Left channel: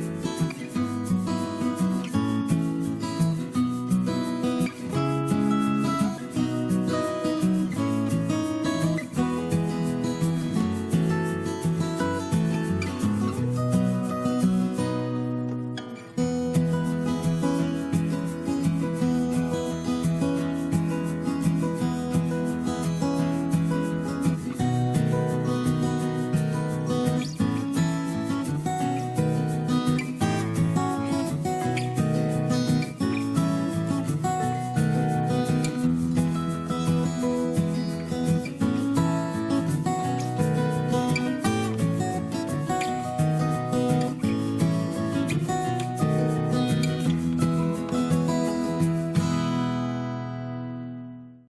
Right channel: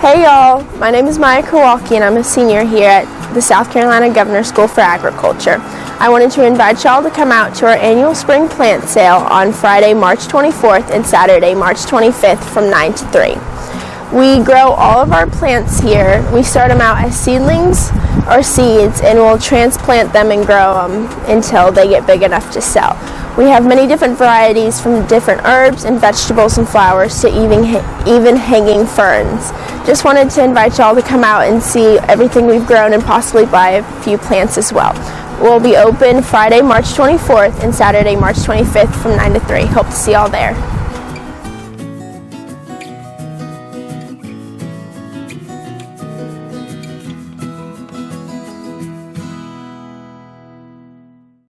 Hey y'all, my name is Maya Kowalski and I'm a senior here at the South Carolina Governor School for Agriculture. I wanted to invite y'all to come out to our annual spring plant sale on Friday, March 24th and Saturday, March 25th from 9 to 3. We grow all of our plants here. We start them out as seedlings or seeds and we'll transplant them and grow them until they get big enough to sell. We have many different varieties from different herbs and vegetables and flowers to even hanging ferns. Just wanted to invite y'all to come out and see everything we've grown and possibly buy a few plants as well. We'll be open Friday, March 24th and Saturday, March 25th from 9 to 3. Hope to see y'all there.